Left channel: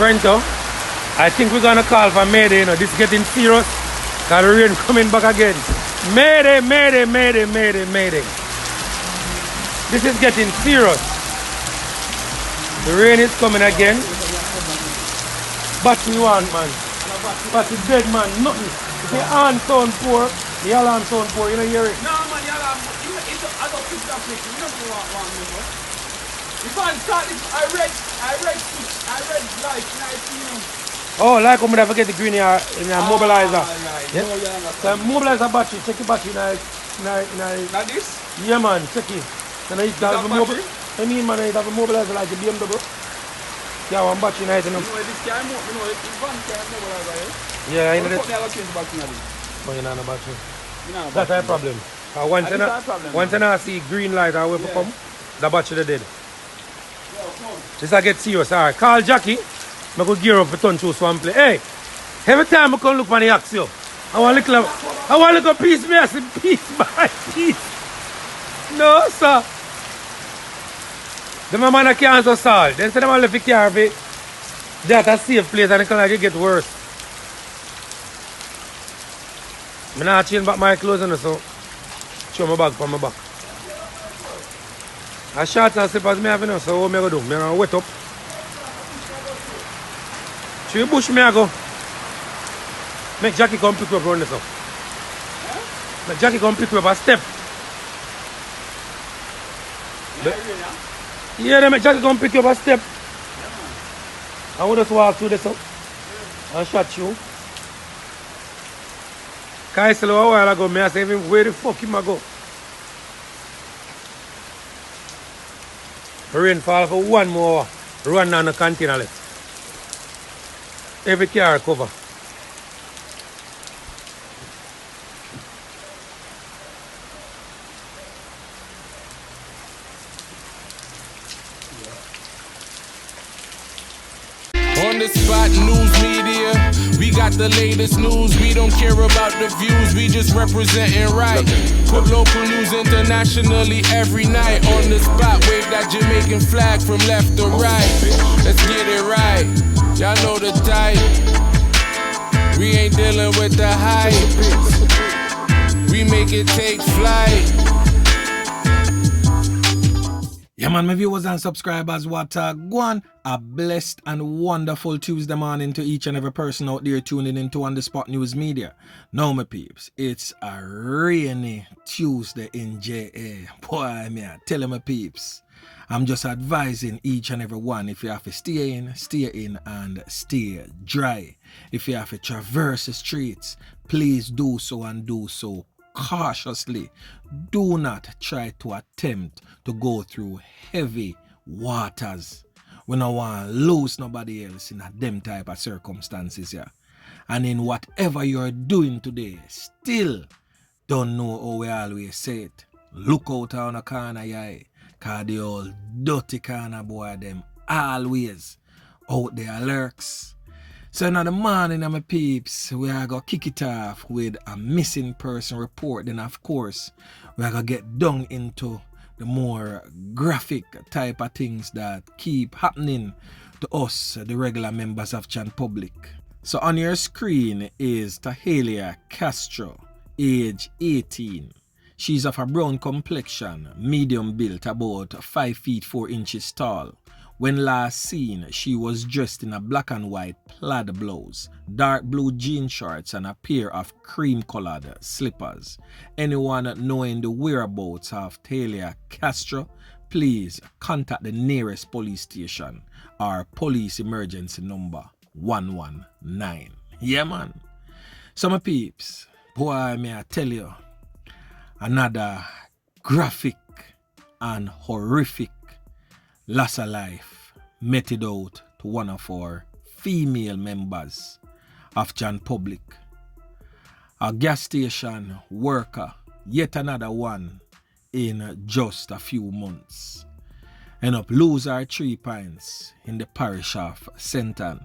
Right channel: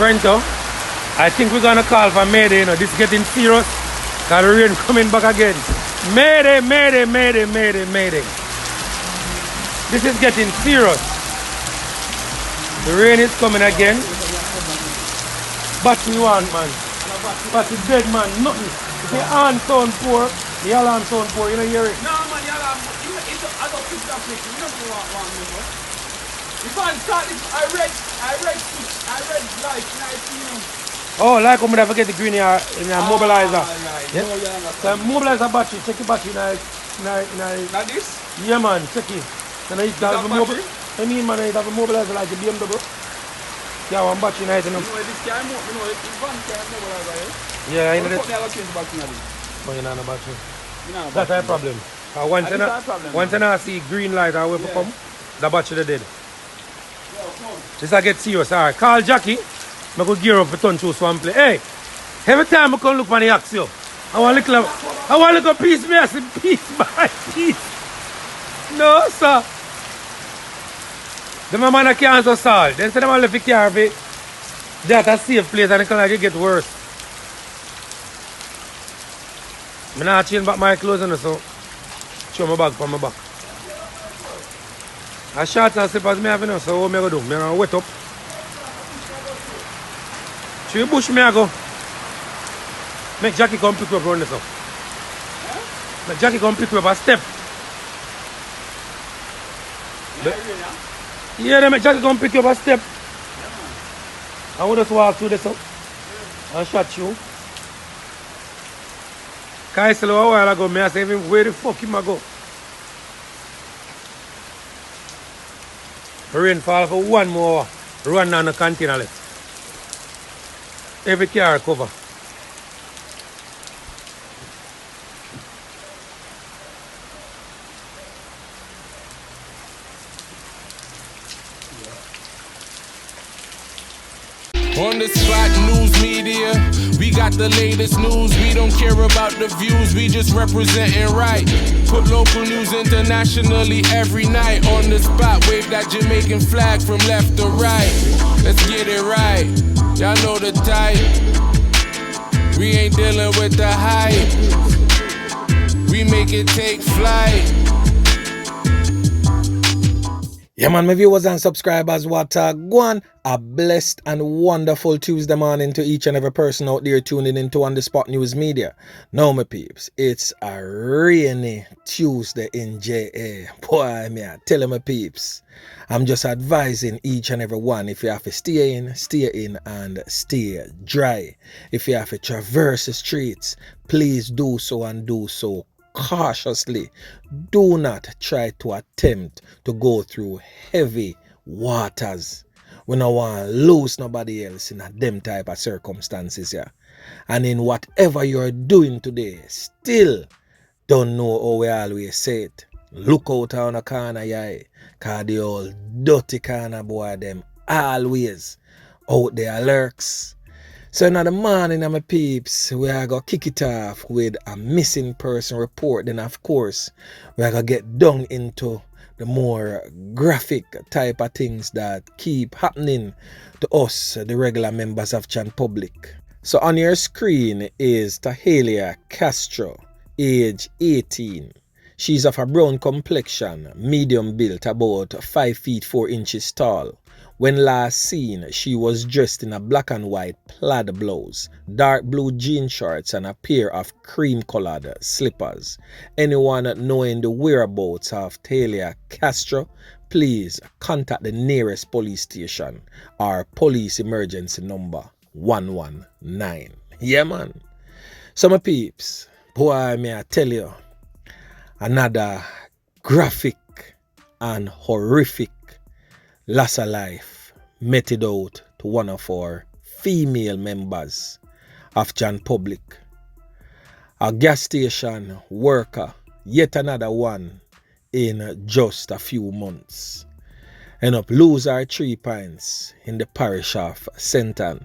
Frento, I think we're gonna call for Mayday, you know, this is getting serious. Cause the rain coming back again. Mayday, Mayday, Mayday, Mayday, Mayday. This is getting serious. The rain is coming again. Battery one, man. Battery dead, man. Nothing. If the horn sound poor, the alarm sound poor, you don't hear it. No, man, the alarm, I don't think that's it. You don't know what one. If I start it, I read like 19. Oh, like when I forget the green in your mobilizer. Right. Yeah? No, yeah, So mobilizer battery, check the battery now. Like this? Yeah, man, check it. And I have a battery? I mean, man, I have a mobilizer like a BMW. Yeah, one battery nice enough. You know, this guy, you know, it's one guy mobilizer, eh? Yeah, I know that. Never change the battery now. Oh, you know the battery. You know That's our problem. Once I see green light, I will come. The battery dead. This I get serious. Alright, call Jackie. I go gear up for turn through swamp play. Hey, every time I come look for the axe, yo, I want a little piece, me I say piece by piece. No, sir. The man can't so solve. They say them left the car for that a safe place and it can like get worse. I not change back my clothes and so show my bag from my back. I short and slippers me have enough, so what me go do? Me gonna wet up. Through the bush me I go. Make Jackie come pick me up around this up. Make Jackie come pick me up a step. Yeah, they make Jackie come pick you up a step. I will just walk through this up and shot you. Kai said a while ago, me I say, where the fuck him I go? Rain fall for one more run on the container left. Every car cover. On the spot, news media, we got the latest news. We don't care about the views, we just representing right. Put local news internationally every night. On the spot, wave that Jamaican flag from left to right. Let's get it right, y'all know the type. We ain't dealing with the hype, we make it take flight. Yeah, man, my viewers and subscribers, what go on. A blessed and wonderful Tuesday morning to each and every person out there tuning into On The Spot News Media. Now, my peeps, it's a rainy Tuesday in JA. Boy, me, I tell my peeps, I'm just advising each and every one, if you have to stay in and stay dry. If you have to traverse the streets, please do so and do so cautiously. Do not try to attempt to go through heavy waters. We don't want to lose nobody else in a them type of circumstances here. And in whatever you're doing today, still don't know how we always say it. Look out on the corner, yeah. Cause the old dirty corner boy them always out there lurks. So now the morning, my peeps, we are going to kick it off with a missing person report. Then, of course, we are going to get down into the more graphic type of things that keep happening to us, the regular members of Chan Public. So on your screen is Tahelia Castro, age 18. She's of a brown complexion, medium built, about 5 feet 4 inches tall. When last seen, she was dressed in a black and white plaid blouse, dark blue jean shorts, and a pair of cream-colored slippers. Anyone knowing the whereabouts of Tahelia Castro, please contact the nearest police station or police emergency number 119. Yeah, man. So, my peeps, boy, may I tell you, another graphic and horrific loss of life meted out to one of our female members of Chan Public. A gas station worker, yet another one in just a few months. End up lose our 3 pints in the parish of Senton.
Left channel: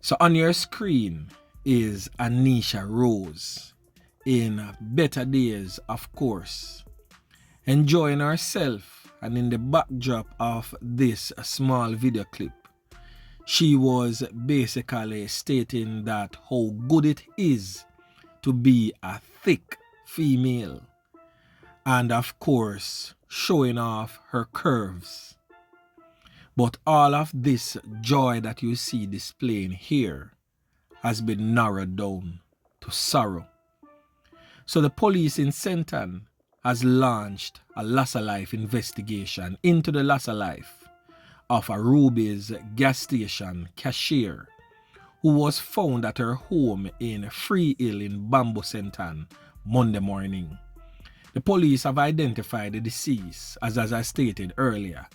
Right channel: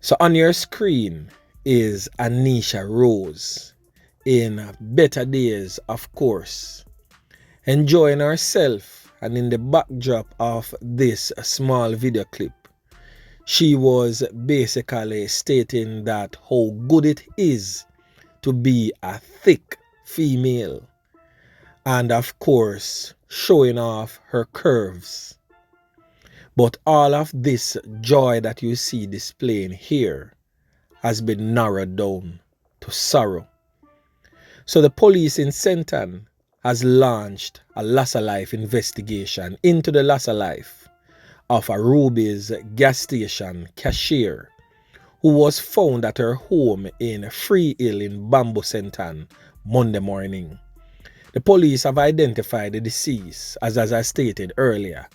So on your screen is Aniesha Rose in better days, of course, enjoying herself. And in the backdrop of this small video clip, She was basically stating that how good it is to be a thick female, and of course showing off her curves. But all of this joy that you see displaying here has been narrowed down to sorrow. So the police in Senton has launched a loss of life investigation into the loss of life of R0BBA's gas station cashier, who was found at her home in Free Hill in Bamboo Senton Monday morning. The police have identified the deceased as I stated earlier,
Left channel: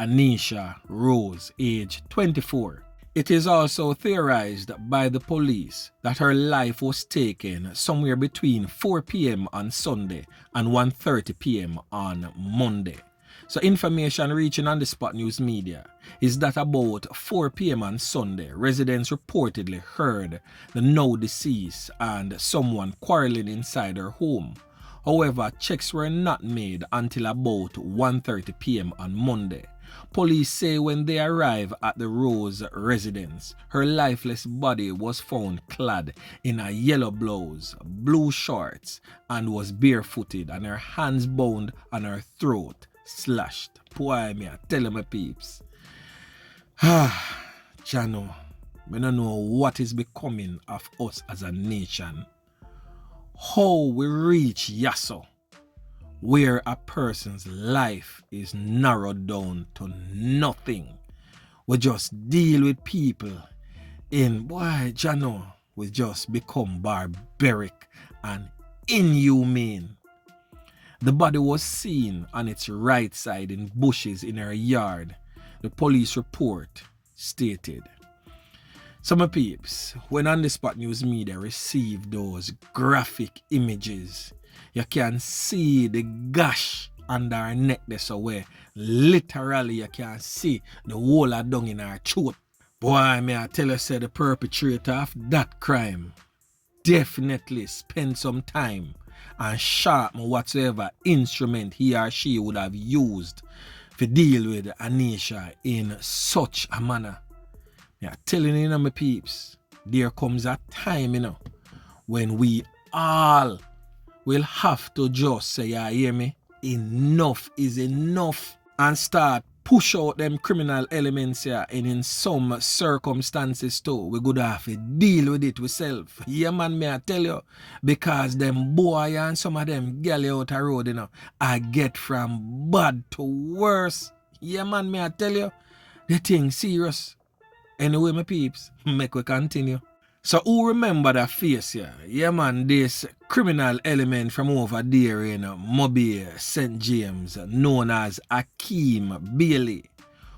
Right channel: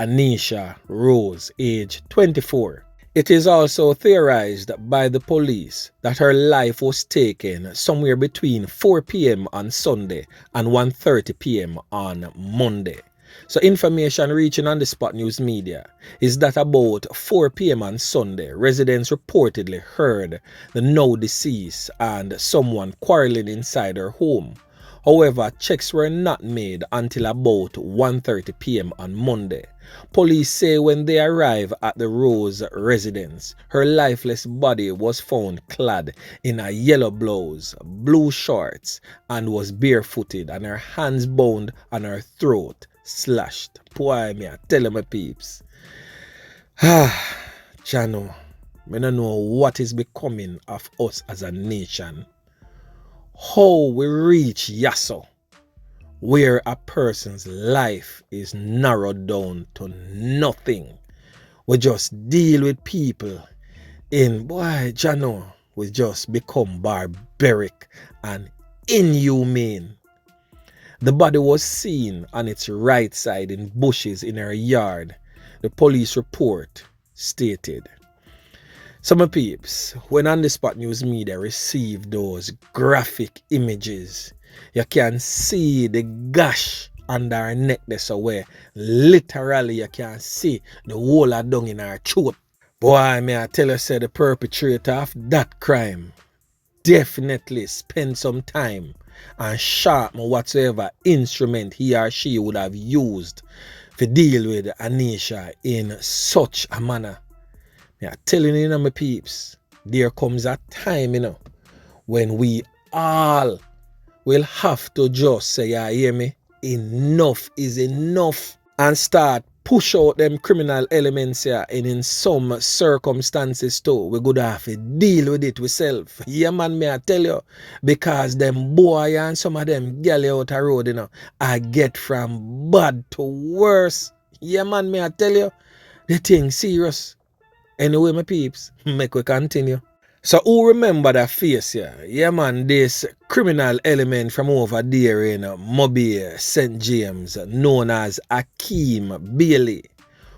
Aniesha Rose, age 24. It is also theorized by the police that her life was taken somewhere between 4 p.m. on Sunday and 1:30 p.m. on Monday. So information reaching on the Spot News Media is that about 4 p.m. on Sunday, residents reportedly heard the now deceased and someone quarreling inside her home. However, checks were not made until about 1:30 p.m. on Monday. Police say when they arrived at the Rose residence, her lifeless body was found clad in a yellow blouse, blue shorts, and was barefooted, and her hands bound and her throat slashed. Boy, me I tell you, my peeps. Chano, I don't know what is becoming of us as a nation. How we reach Yasso, where a person's life is narrowed down to nothing. We just deal with people in, boy, Jano, we just become barbaric and inhumane. The body was seen on its right side in bushes in her yard, the police report stated. Some peeps, when On The Spot News Media received those graphic images, you can see the gash under her neck this away. Literally, you can see the hole of dung in her throat. Boy, may I tell you, say the perpetrator of that crime definitely spend some time and sharpen whatsoever instrument he or she would have used to deal with Aniesha in such a manner. Yeah, telling you, my peeps, there comes a time, when we all will have to just say, yeah, hear me, enough is enough, and start push out them criminal elements here, and in some circumstances too, we could have to deal with it ourselves. Yeah, man, may I tell you, because them boy and some of them galley out the road, I get from bad to worse. Yeah, man, may I tell you, the thing serious. Anyway, my peeps, make we continue. So who remember that face here? Yeah, man, this criminal element from over there in Mobay, St. James, known as Akeem Bailey,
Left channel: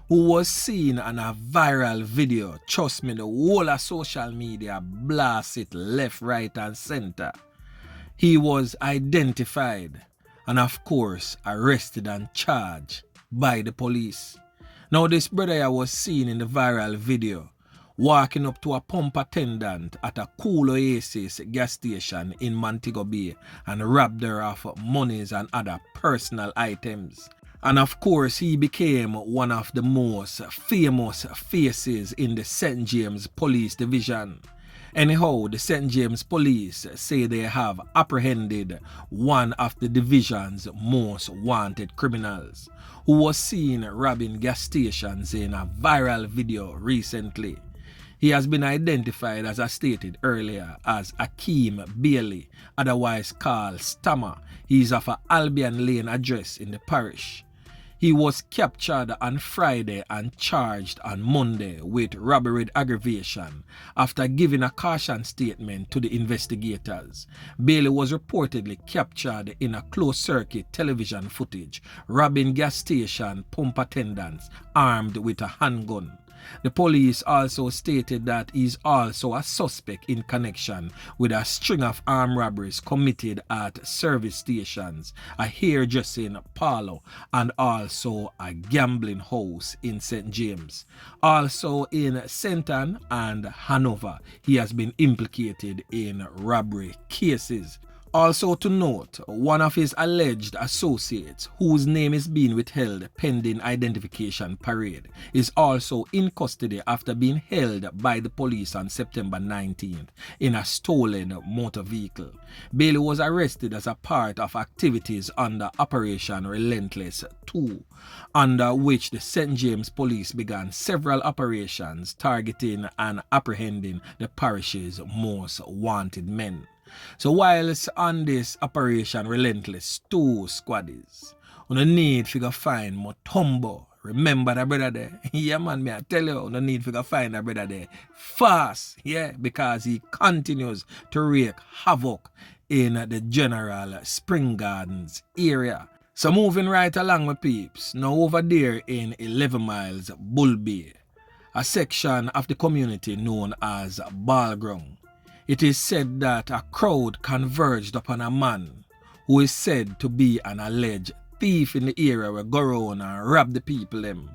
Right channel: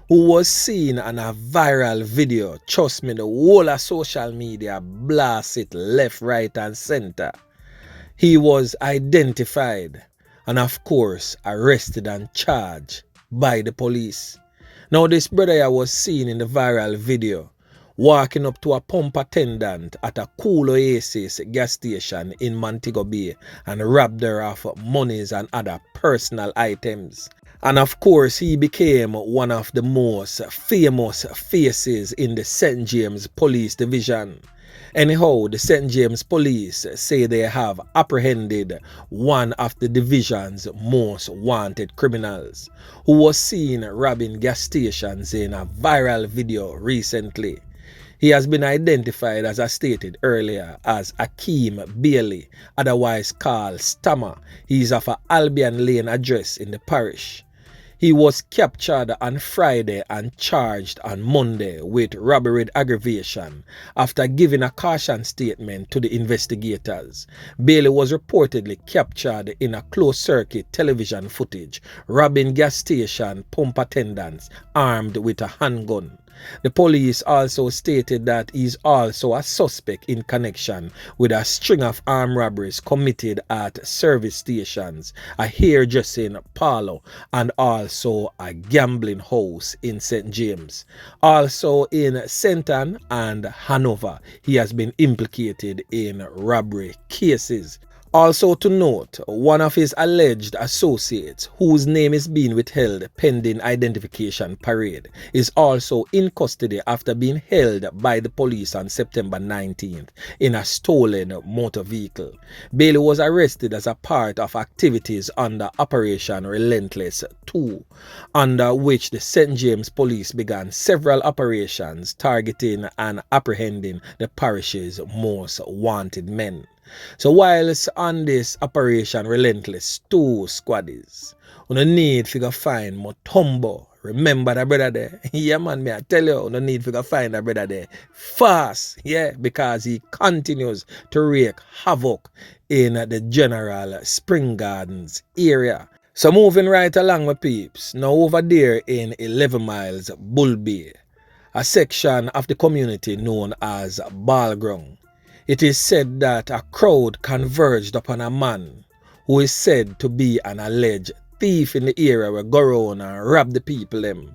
who was seen on a viral video. Trust me, the whole of social media blast it left, right, and center. He was identified and, of course, arrested and charged by the police. Now, this brother was seen in the viral video walking up to a pump attendant at a Cool Oasis gas station in Montego Bay and robbed her of monies and other personal items. And of course, he became one of the most famous faces in the St. James Police Division. Anyhow, the St. James Police say they have apprehended one of the division's most wanted criminals, who was seen robbing gas stations in a viral video recently. He has been identified, as I stated earlier, as Akeem Bailey, otherwise called Stammer. He is of an Albion Lane address in the parish. He was captured on Friday and charged on Monday with robbery with aggravation after giving a caution statement to the investigators. Bailey was reportedly captured in a closed-circuit television footage, robbing gas station pump attendants armed with a handgun. The police also stated that he is also a suspect in connection with a string of armed robberies committed at service stations, a hairdressing parlor, and also a gambling house in St. James. Also in Senton and Hanover, he has been implicated in robbery cases. Also to note, one of his alleged associates, whose name is being withheld pending identification parade, is also in custody after being held by the police on September 19th in a stolen motor vehicle. Bailey was arrested as a part of activities under Operation Relentless 2, under which the St. James Police began several operations targeting and apprehending the parish's most wanted men. So whilst on this Operation Relentless 2 squaddies, you need to find Mutombo. Remember that brother there? Yeah man, me I tell you, you need to find that brother there fast, yeah, because he continues to wreak havoc in the general Spring Gardens area. So moving right along my peeps, now over there in 11 miles Bull Bay, a section of the community known as Ballground. It is said that a crowd converged upon a man who is said to be an alleged thief in the area where go around and rob the people them.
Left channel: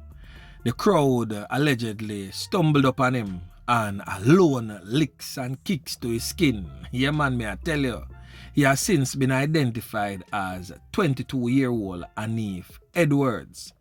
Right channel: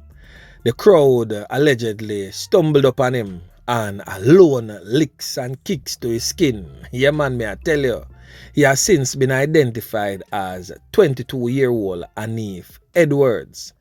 The crowd allegedly stumbled upon him and alone licks and kicks to his skin. Yeah man, me I tell you. He has since been identified as 22-year-old Aniesha Edwards.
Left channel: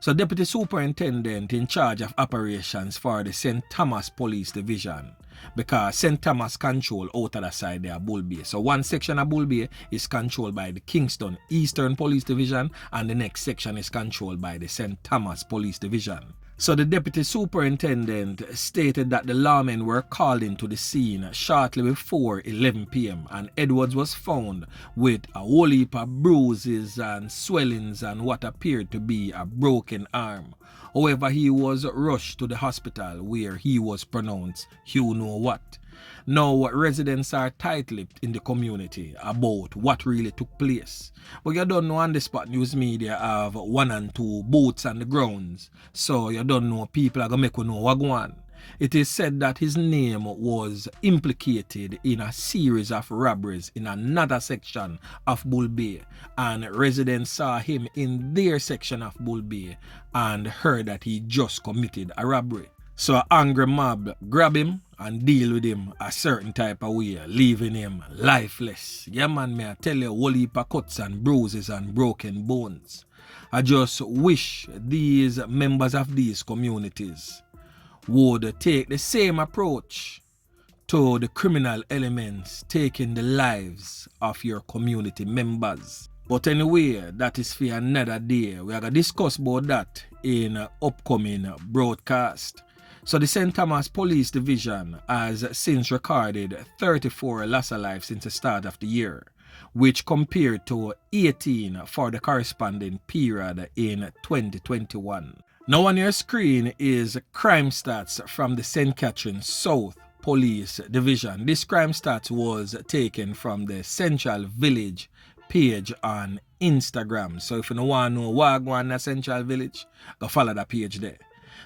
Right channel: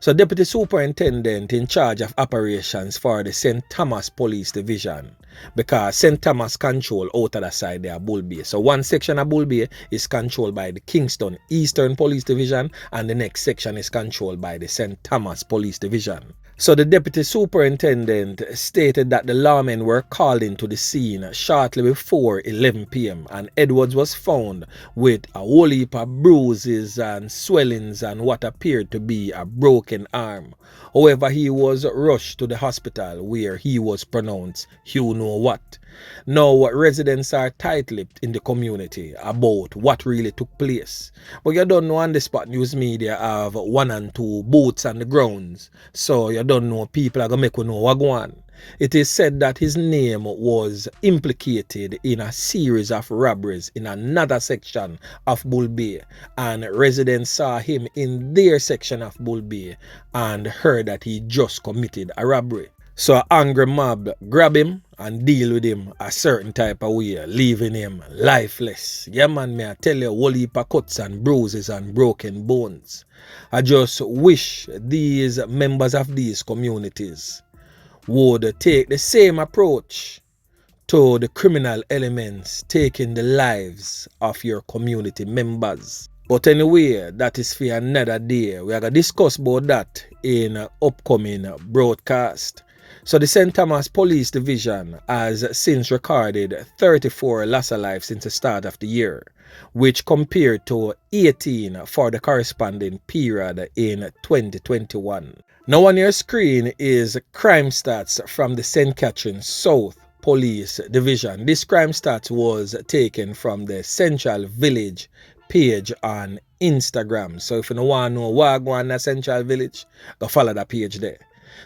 So Deputy Superintendent in charge of operations for the St. Thomas Police Division, because St. Thomas control out of the side there Bull Bay. So one section of Bull Bay is controlled by the Kingston Eastern Police Division and the next section is controlled by the St. Thomas Police Division. So the Deputy Superintendent stated that the lawmen were called into the scene shortly before 11 p.m. and Edwards was found with a whole heap of bruises and swellings and what appeared to be a broken arm. However, he was rushed to the hospital where he was pronounced you know what. Now, residents are tight-lipped in the community about what really took place. But you don't know on the Spot News Media have 1 and 2 boots on the grounds. So you don't know people are going to make you know what go on. It is said that his name was implicated in a series of robberies in another section of Bull Bay, and residents saw him in their section of Bull Bay and heard that he just committed a robbery. So an angry mob grab him and deal with him a certain type of way, leaving him lifeless. Yeah man, me I tell you, whole heap of cuts and bruises and broken bones. I just wish these members of these communities would take the same approach to the criminal elements taking the lives of your community members. But anyway, that is for another day. We are going to discuss about that in an upcoming broadcast. So the St. Thomas Police Division has since recorded 34 loss of life since the start of the year, which compared to 18 for the corresponding period in 2021. Now on your screen is crime stats from the St. Catherine South Police Division. This crime stats was taken from the Central Village page on Instagram. So if you don't want to know what going on in Central Village, go follow that page there.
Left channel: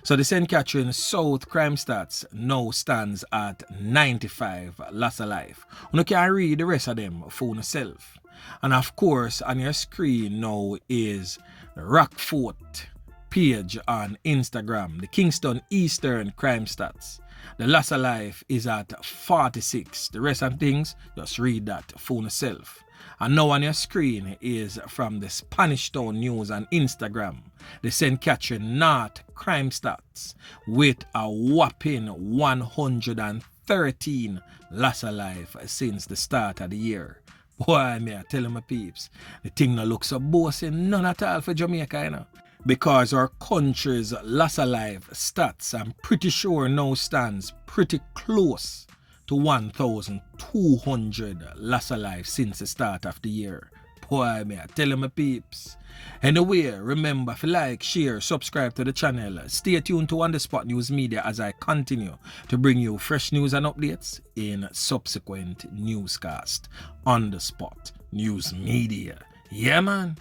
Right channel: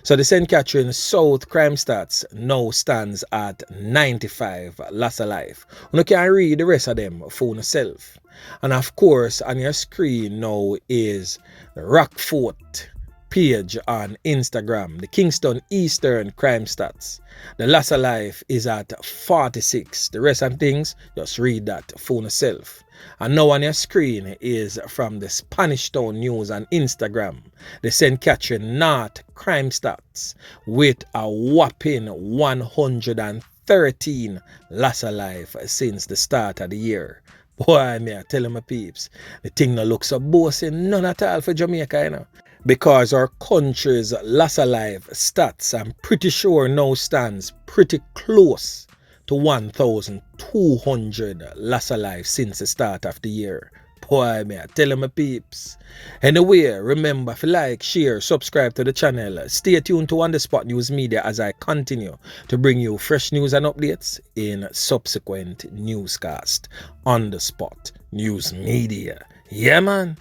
So the St. Catherine South crime stats now stands at 95 loss of life. You can read the rest of them for yourself. And of course, on your screen now is the Rockfort page on Instagram, the Kingston Eastern crime stats. The loss of life is at 46. The rest of things, just read that for yourself. And now on your screen is from the Spanish Town News on Instagram, the St. Catherine North crime stats with a whopping 113 loss of life since the start of the year. Boy, me I tell you my peeps, the thing no look so bossing none at all for Jamaica, you know. Because our country's loss of life stats, I'm pretty sure now stands pretty close to 1,200 loss of life since the start of the year. Boy, me I tell you my peeps. Anyway, remember to like, share, subscribe to the channel. Stay tuned to On The Spot News Media as I continue to bring you fresh news and updates in subsequent newscast. On The Spot News Media. Yeah, man.